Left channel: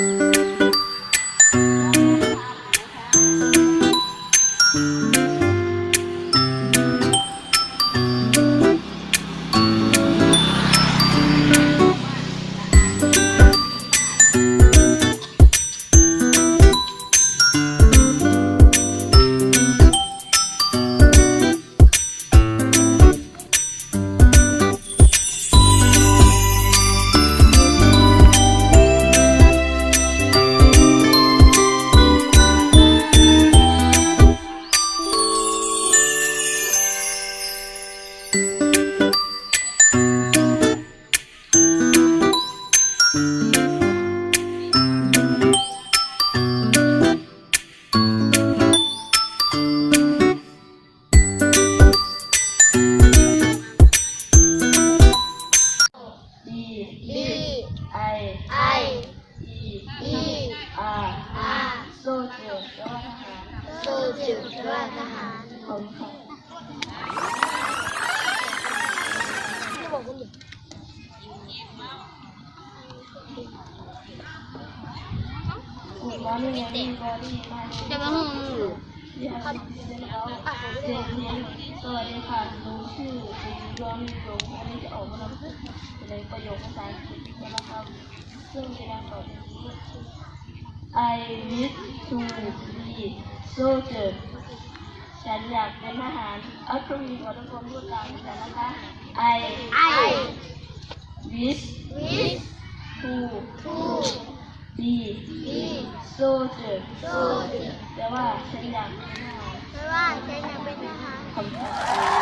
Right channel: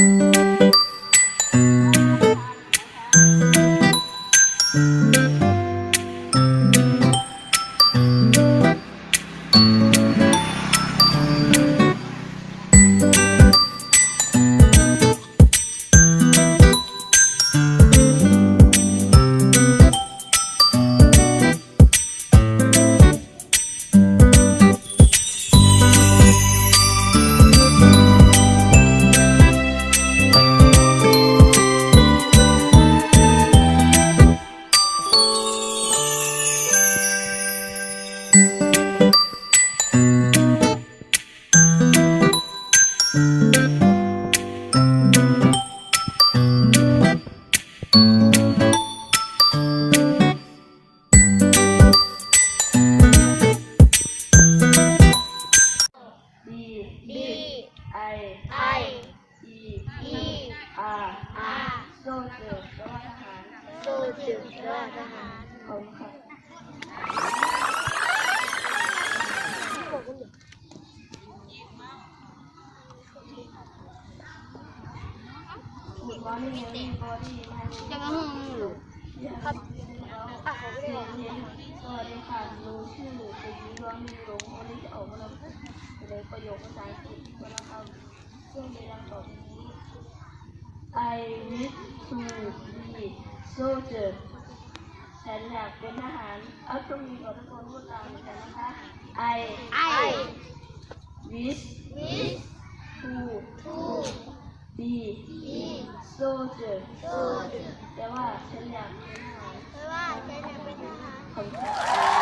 ดี จิตว่าทหารผมคะคุณมอนี่ยังมีบอดี้มาห้องเรียนเรียนเรียนสวัสดีค่ะหนูชื่อคุณย้อนลงวันนี้จะออกมานำเสนประโยคภาษาอังกฤษนะครับซึ่งมีดังต่อไปนี้ I wish to be soldier อยากเป็นทหารเอาตรงนี้ขอตะโกนพูดตามกันนะคะ I ไอ wish วิส to ทู be บี soldier โซจิตแต่ว่าฉันอยากเป็นทหารแต่ว่าฉันอยากเป็นทหารคำตอบ